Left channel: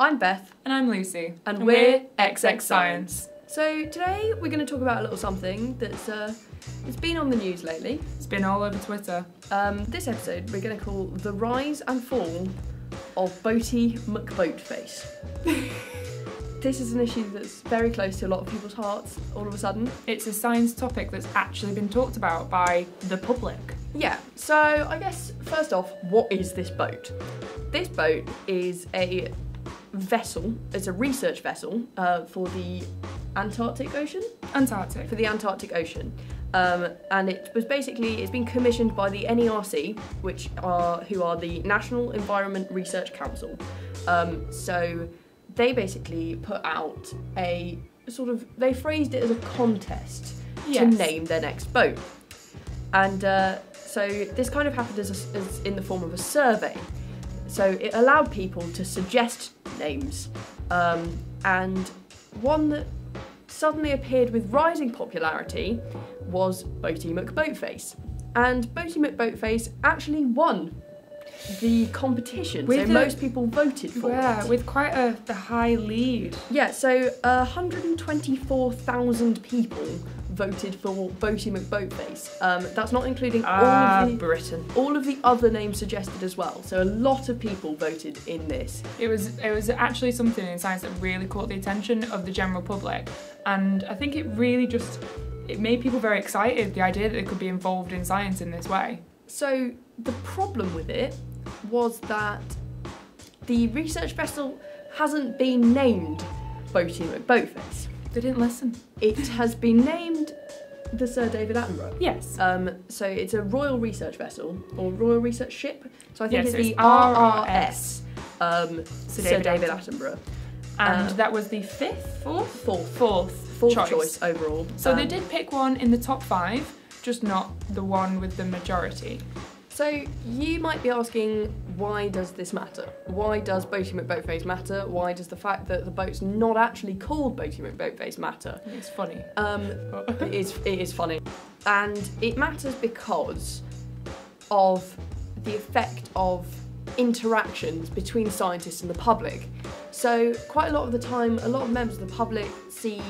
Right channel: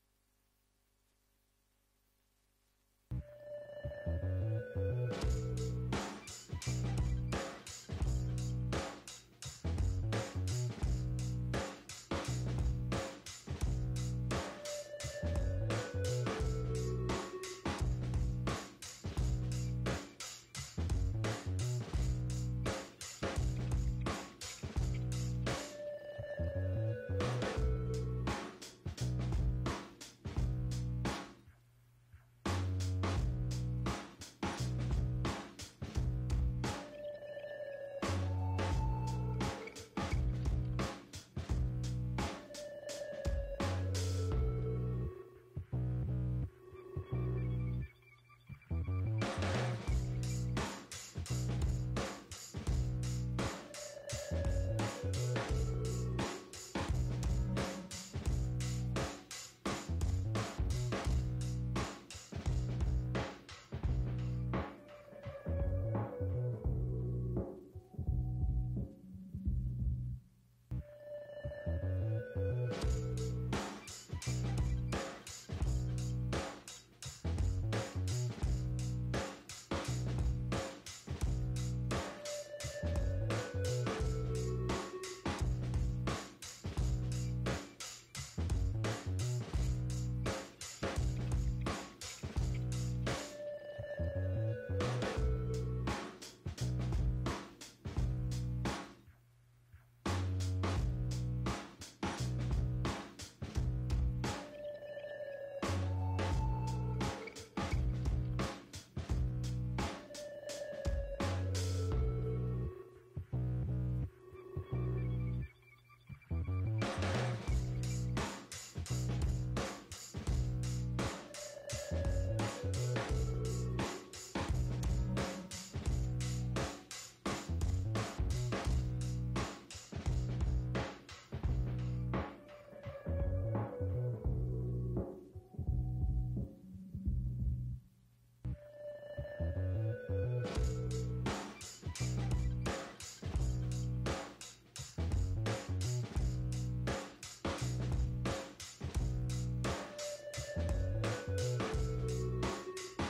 I'm Beth. And I'm Lucy. And we're XX Science. So today we're going to talk about a little something that's it's been on the news lately. It's been all over Twitter. This episode we're going to call The Rise and Fall of Boaty McBoatface. This is an issue that's very close to a lot of people's hearts all of a sudden. It's a science topic that's actually been talked about by the public. Yeah, so I guess first off, what is this boat? This boat is a vessel, it's a research vessel for the Antarctic Ocean? Antarctic. For the Antarctic Ocean. And it was basically, it's been commissioned by the NERC, who are the National Environment Research Council. So they basically put out a sort of, they phrased it as a contest to name their next boat. And so this kind of happened as in the form of a survey. So it allowed people to suggest names, and one that suddenly appeared with rising popularity was Boaty McBoatface. And Boaty McBoatface actually won the competition, so most people voted for it. Yeah, with quite a high lead. Yeah, so 124,000 people voted for Boaty McBoatface. That's not including Britain. all of the other names suggested as well. So a lot of people voted in this. It was actually something in science that really caught the attention of the general public, and I think it really it made people very excited, the idea that they could be involved in science in this way. So the problem with it was that the research vessel hasn't been named Boaty McBoatface. They didn't listen. It has been named the Sir David Attenborough. Yes. So it's a royal research vessel, or royal research ship. So I think it's the RRS. Sir David Attenborough. And that was the fourth choice overall. So they did pick one in the top 5, just not the one with the majority. So you might be asking, why does this matter? Why does Boaty McBoatface matter? Why does the fact that the boat's not actually called Boaty McBoatface matter? It's funny. It is funny. And it matters because of the effect of interactions between scientists and the public. So quite a lot of the time, a lot of members of the public see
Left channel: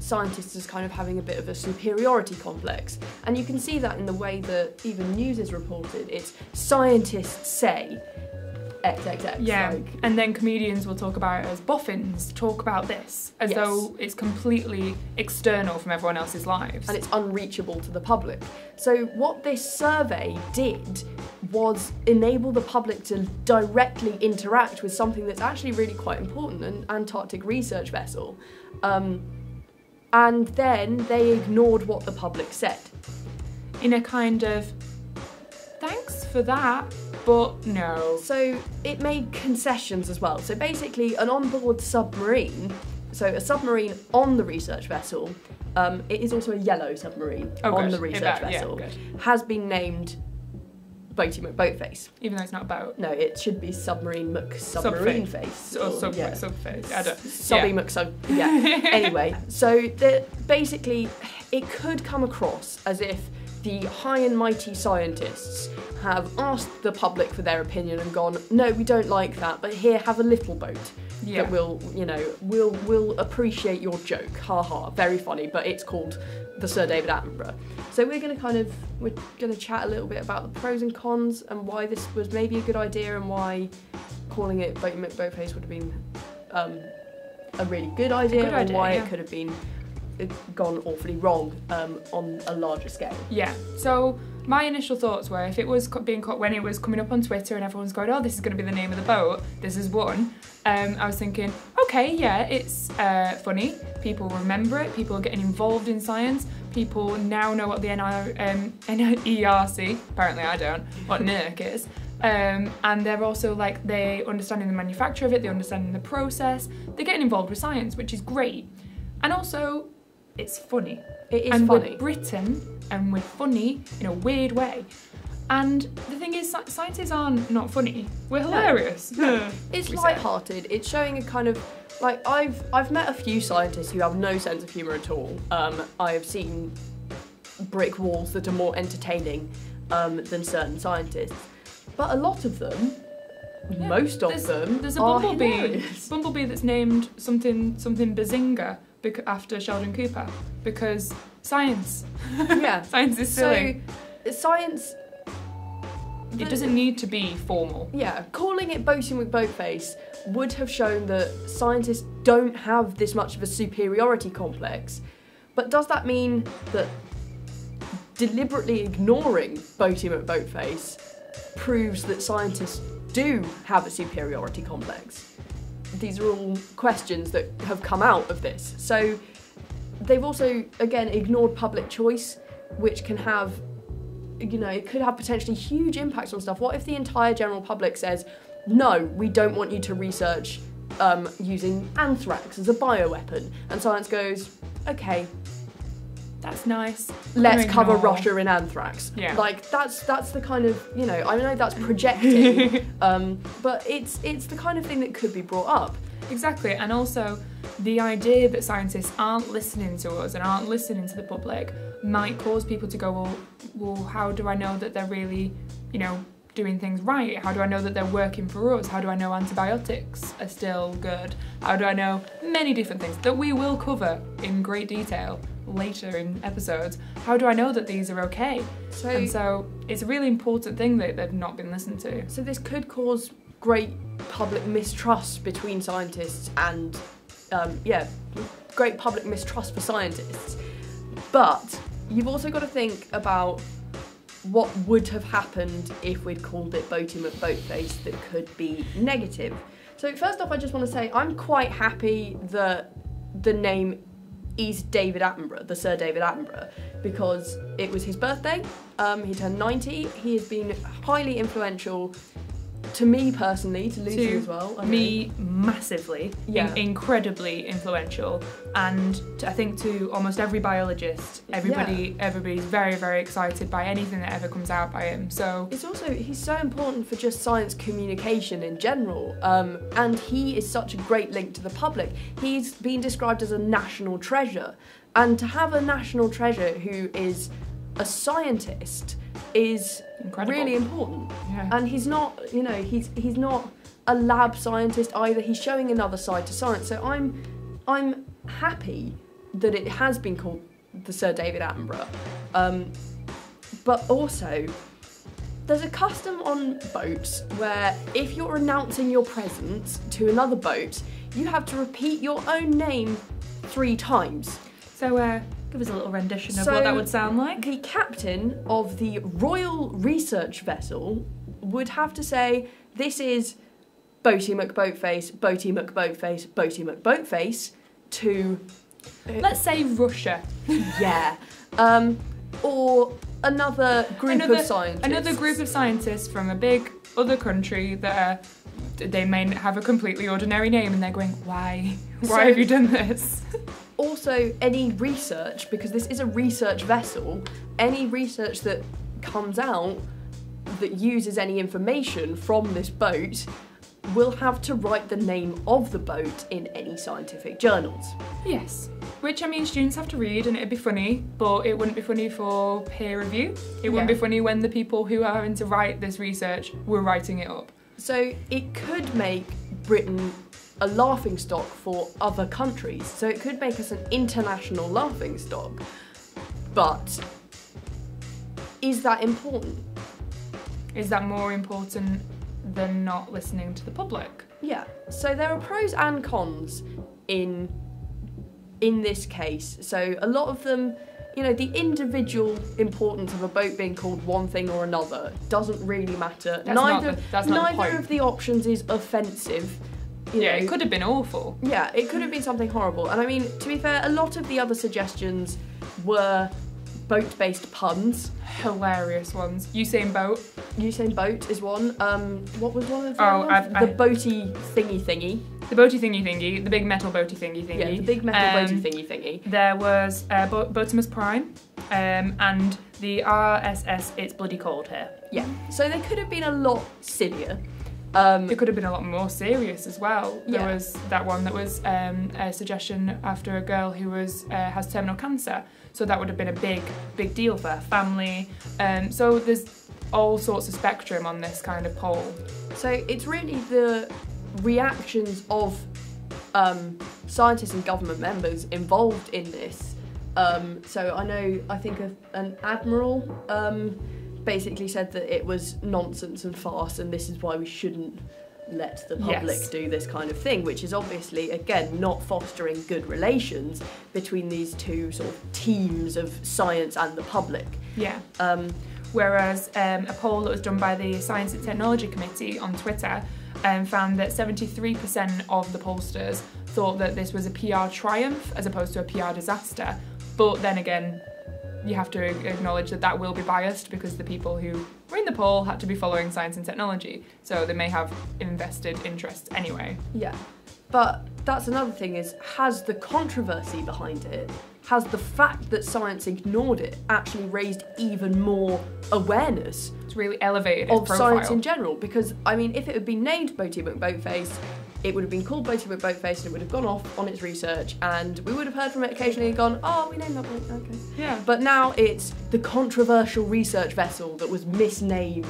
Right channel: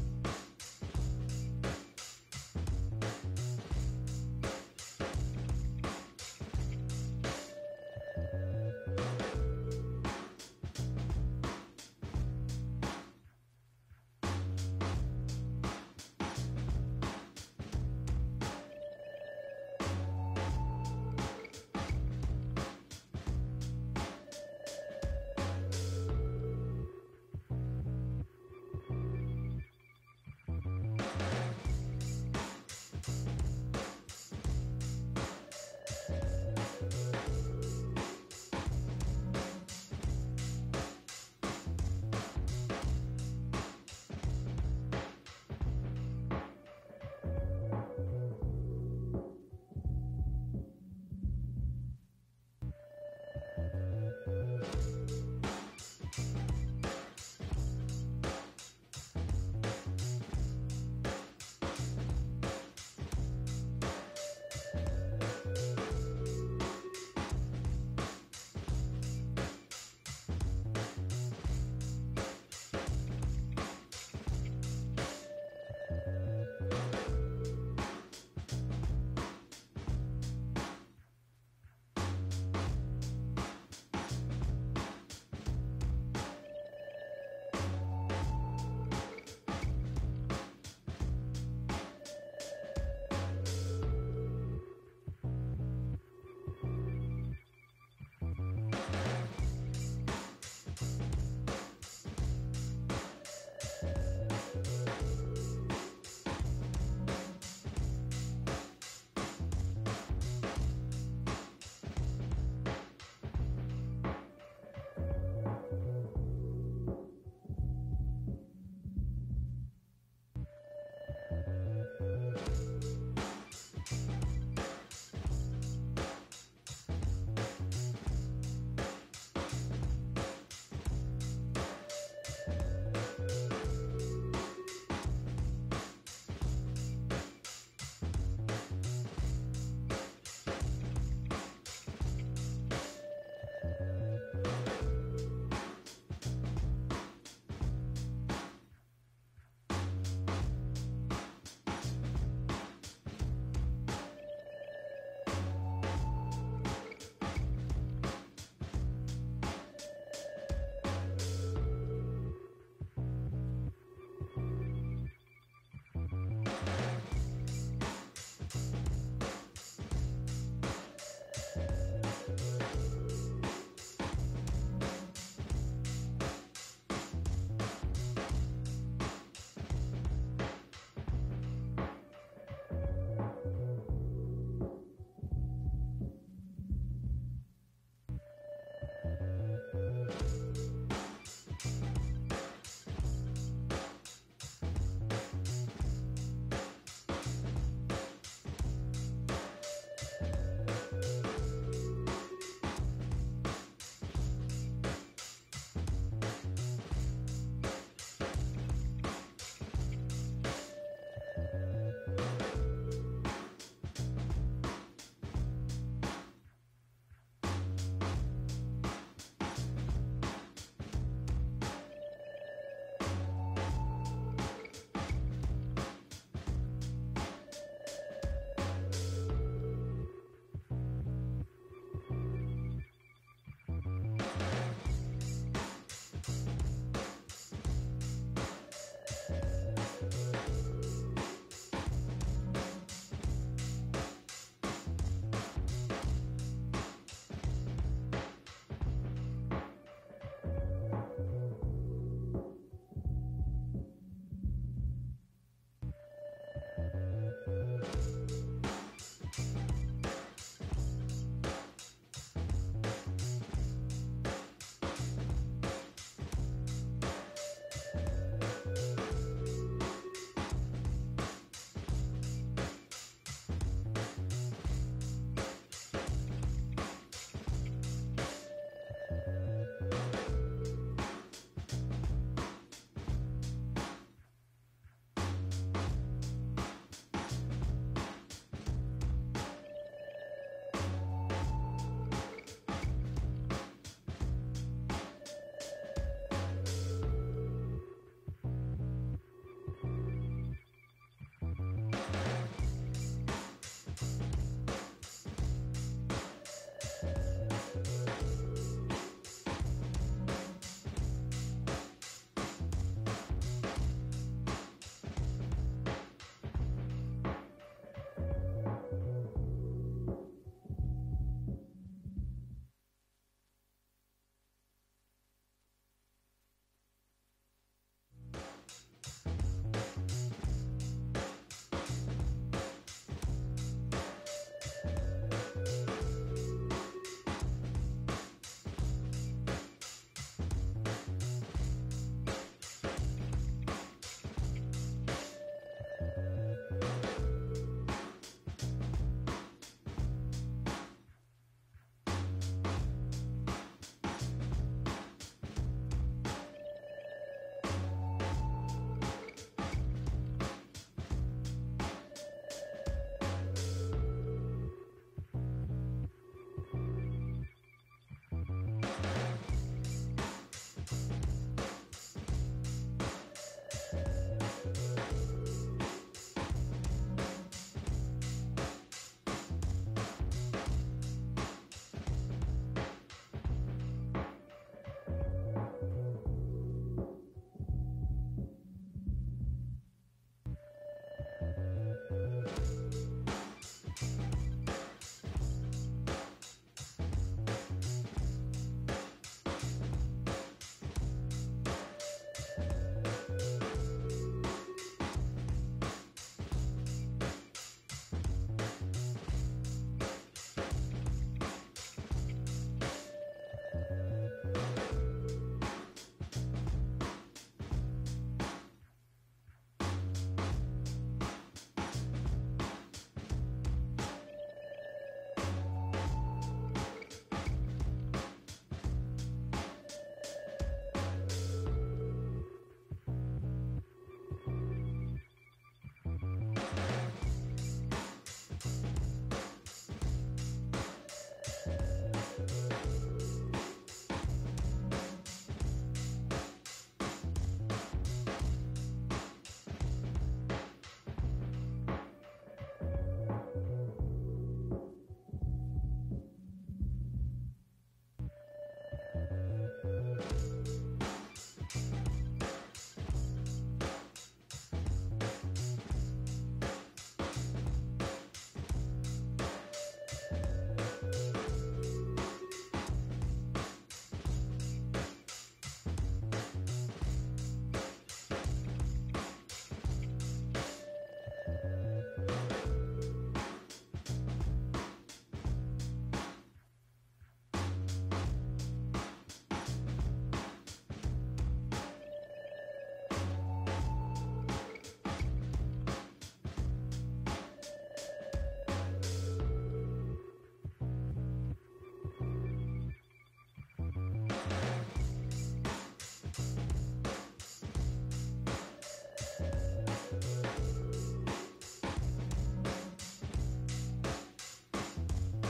scientists as kind of having a bit of a superiority complex, and you can see that in the way that even news is reported. It's scientists say XXX. Yeah, and then comedians will talk about it as boffins, talk about this, as though it's completely external from everyone else's lives. And it's unreachable to the public. So what this survey did was enable the public to directly interact with something that's actually really quite important, an Antarctic research vessel. And then they ignored what the public said. In a kind of, thanks for that, but no. So it made concessions as well. So basically an onboard submarine, so a submarine on the research vessel, it is also a yellow submarine on the research vessel, has been named Boaty McBoatface. Even though it's not a boat. No, it should be Submarine McSubmarine-face. Or Subface, I don't know. Subby McSub, yeah. Anyway, so basically it could come across as if the high and mighty scientists have asked the public for their opinion and gone, no, we don't like that, but here, have a little boat that will, we'll appreciate your joke. Ha ha, very funny, but it's called the Sir David Attenborough. So we're going to chat a little bit about the pros and cons and why this was maybe a good idea and why calling it Boaty McBoatface would have been a really good idea, and why it could have been gone awfully wrong on a larger scale. Yeah, so my initial thoughts were, if it was being caught when it was coming up on Twitter and everyone's going, oh, this is going to be the name of the boat, this is one, I was thinking, okay, yeah, it's funny, people remember it, people are getting involved in science, people now know what the NERC, apparently I don't, what NERC is, and they're also like, they're understanding the manufacture of it, they're understanding the process, they're getting involved with science, which is great. And also, it's funny. It is funny. funny. We're Britain, and we're funny in a weird way. And the thing is, scientists aren't not funny. We're hilarious. No. It's light-hearted. It's showing a kind of, like, I've met a few scientists who have no sense of humour at all. I have seen brick walls that are more entertaining than certain scientists. But a lot of them most of them There's a are bumblebee. hilarious. Bumblebee that's named something Bazinga after Sheldon Cooper because science. Yeah. Science is silly. So science. It doesn't need to be formal. Yeah, calling it Boaty McBoatface would have shown that scientists don't have this much of a superiority complex. But does that mean that deliberately ignoring Boaty McBoatface proves that scientists do have a superiority complex? These are all questions that have come out of this. So they've also, again, ignored public choice, which can have, it could have potentially huge impacts on stuff. What if the entire general public says, no, we don't want you to research using anthrax as a bioweapon? And science goes, okay, That's nice. let's cover Russia in anthrax. Yeah. Like, that's the kind of, I know that's projecting, but it's the kind of thing that could be brought up. Exactly, and also the idea that scientists aren't listening to us and aren't listening to the public might cause people to go, well, how do I know that they're really, doing things right? How do I know that they're working for us? How do I know antibiotics are still good? How do I know many different things that we will cover in great detail later in episodes? How do I know that these are okay? So it's a really important thing that they've not been listened to. So this could cause great public mistrust between scientists and, great public mistrust for scientists. But you've also got to think about what would have happened if we'd called it Boaty McBoatface that could be negative. So first off, I just want to say I'm quite happy that the name is David Attenborough, the Sir David Attenborough, because it was his birthday, he turned 90, he has been highly influential to me personally, to Lucy as well. Me massively, Yeah. Incredibly influential, and I think to almost every biologist, everybody's very, very excited by anything that ever comes out by him. So it's also, he's so important for just science communication in general, and he is such a great link to the public. He's been described as a national treasure, and to have a national treasure who is a scientist is incredible. Really important. Yeah. And he's not, he's not a lab scientist either. He's showing another side to science. So I'm happy that it has been called the Sir David Attenborough. But also, there's a custom on boats where if you're announcing your presence to another boat, you have to repeat your own name 3 times. So give us a little rendition of what that would sound like. The captain of the Royal Research Vessel would have to say, this is Boaty McBoatface, Boaty McBoatface, Boaty McBoatface, to... Let's say Russia. Yeah. Or another group of scientists. Another group of scientists from a big other country that they may have a completely ordinary name and they're going, why? Why have you done this? Also, any research, because this is a research vessel, any research that comes out that uses any information from this boat will have to write the name of the boat in any scientific journals. Yes. Which, students have to read and it'd be funny, but it wouldn't be funny for peer review. It wouldn't be funny when the people who are having to write this research were writing it up. So it could make Britain a laughingstock for other countries. So it could make us an international laughingstock. But is that important? Is that more important than not listening to the public? Yeah. So there are pros and cons in this case. So a lot of them, the individual importance of a boat being called one thing or another doesn't really matter. Neither of the options is offensive. It could have been awful. Yeah, it could have been something horrible. And to be fair, a lot of the other suggestions were boat-based puns. Hilarious ones. Usain Boat is one. What was one of them? The boaty thingy. The boaty thingy. The big metal boaty thingy. Yeah, the big metal boaty thingy. There was Boatimus Prime, and the RSS It's Bloody Cold Here. Yeah, so they could have been a lot sillier. It could have been a lot more serious as well. There was that one that was a suggestion after a girl who has terminal cancer. so that would have been a big deal for her family. So there's all sorts of spectrum on this kind of poll. So it's really the reactions of scientists and government members involved in this. So I think an admiral basically said that it was nonsense and farce, and this is why we shouldn't let the public do this kind of thing, which is obviously, again, not fostering good relations between these two sort of teams of science and the public. Yeah. Whereas a poll that was done by the Science and Technology Committee on Twitter found that 73% of the pollsters thought that this was a PR triumph as opposed to a PR disaster. But then again, you have to acknowledge that that will be biased because the people who were in the poll had to be following science and technology, so they may have invested interests anyway. Yeah, but that's another thing, is has the controversy behind it, has the fact that science ignored it actually raised even more awareness? It's really elevated of its science profile. in general, because I mean, if it had been named Boaty McBoatface, it would have been called Boaty McBoatface and it would have gone off on its research, and we would have heard from it occasionally and gone, oh, we named that one, okay. Yeah. But now it's the controversial research vessel that was misnamed,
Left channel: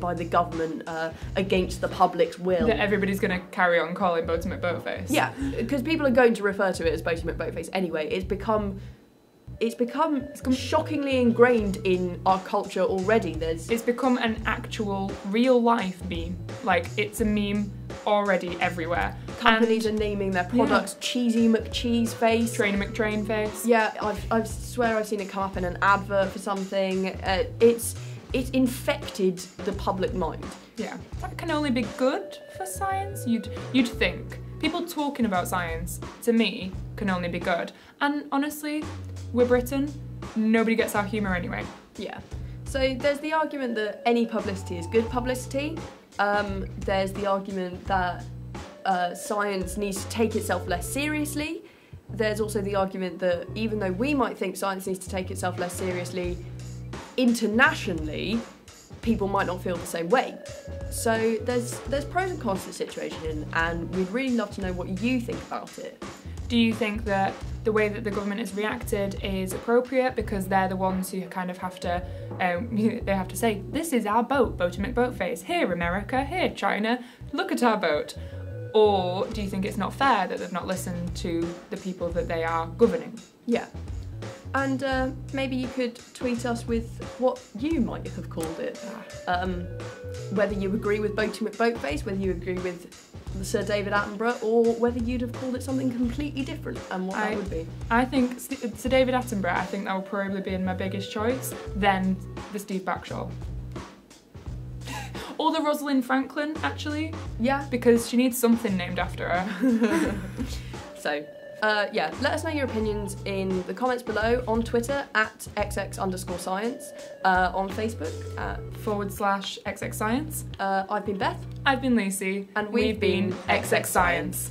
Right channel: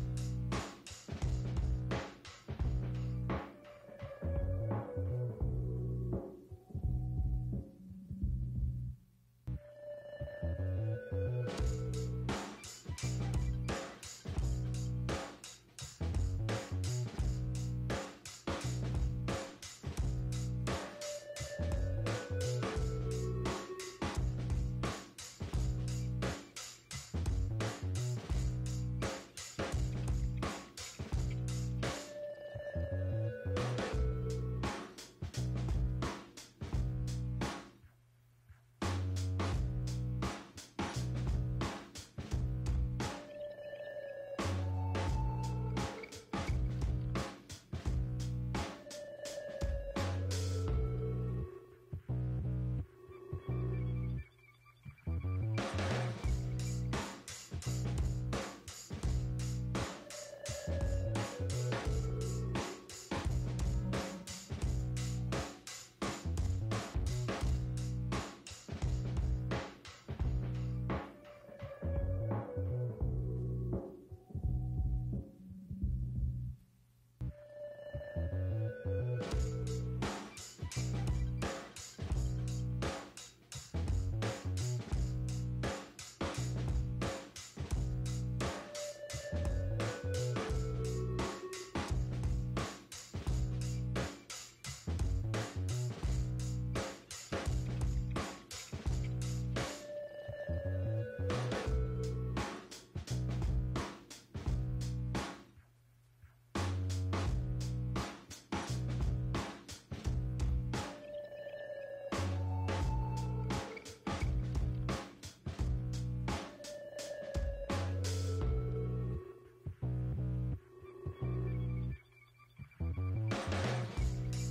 by the government against the public's will. That everybody's going to carry on calling Boaty McBoatface. Yeah, because people are going to refer to it as Boaty McBoatface anyway. It's become shockingly ingrained in our culture already. It's become an actual real life meme. Like, it's a meme already everywhere. Companies are naming their products Cheesy McCheeseface, Train McTrainface. Yeah, I swear I've seen it come up in an advert for something. It's infected the public mind. Yeah, that can only be good for science. You'd think. People talking about science, to me, can only be good. And honestly, we're Britain. Nobody gets our humour anyway. Yeah. So there's the argument that any publicity is good publicity. There's the argument that science needs to take itself less seriously. There's also the argument that even though we might think science needs to take itself less seriously, internationally, people might not feel the same way. So there's pros and cons to the situation, and we'd really love to know what you think about it. Do you think that the way that the government has reacted is appropriate because they're the ones who kind of have to, they have to say, this is our boat, Boaty McBoatface. Here, America. Here, China. Look at our boat. Or do you think it's not fair that they've not listened to the people that they are governing? Yeah. And maybe you could tweet us with what you might have called it. Whether you agree with Boaty McBoatface, whether you agree with Sir David Attenborough, or whether you'd have called it something completely different, and what that would be. I think Sir David Attenborough, I think that would probably be my biggest choice, then the Steve Backshall. Or the Rosalind Franklin, actually. Yeah. Because she needs something named after her. So, let us know your opinions in the comments below, on Twitter at XX_science, on Facebook at /XX Science. I've been Beth. I've been Lucy. And we've been XX Science.